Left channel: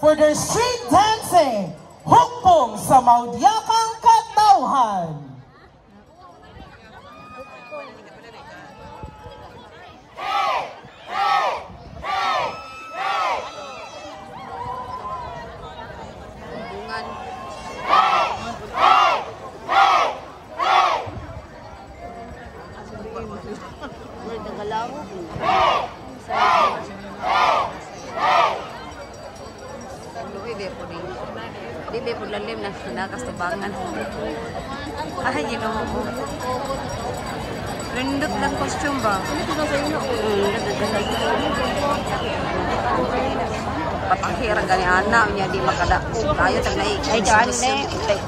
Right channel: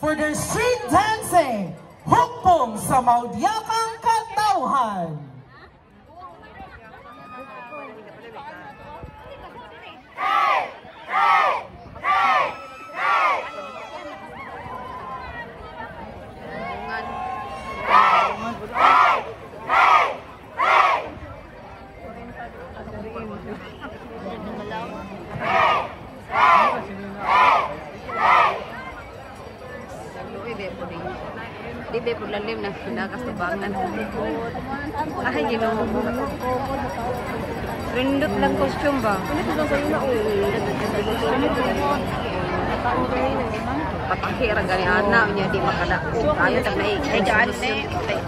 for their street dancing, hukpong sa maudyakang katauhan. Hey! Hey! Hey! Hey! Bungan. Hey! Hey! Hey! Hey! Luoy be po din. Di be po lalim na nakastubangan. Ay, Ginoo ko. Rindot lang costume ba? Patahi ra gani ana nya di makadako. Kayo tag nay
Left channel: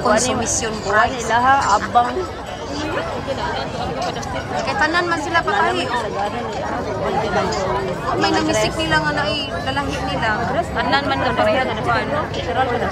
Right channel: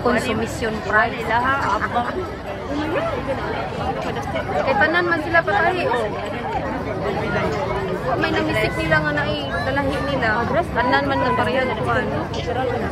consumption price. Laha abang Kay tanan man sila patahi oh. May namisik nila nga na lalahi nila. Tanan man lang pareha nga kuan. literal ka na.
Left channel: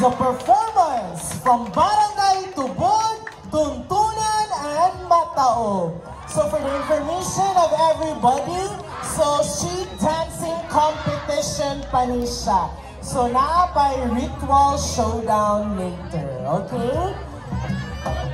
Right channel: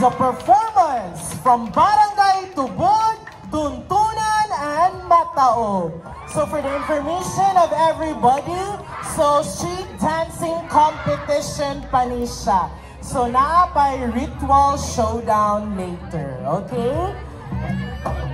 The performance from Barangay Tubod, Tuntunan, and Matao. So for the information of everybody, so street dancing competition pa ni siya. So na pa ritual showdown later, okay?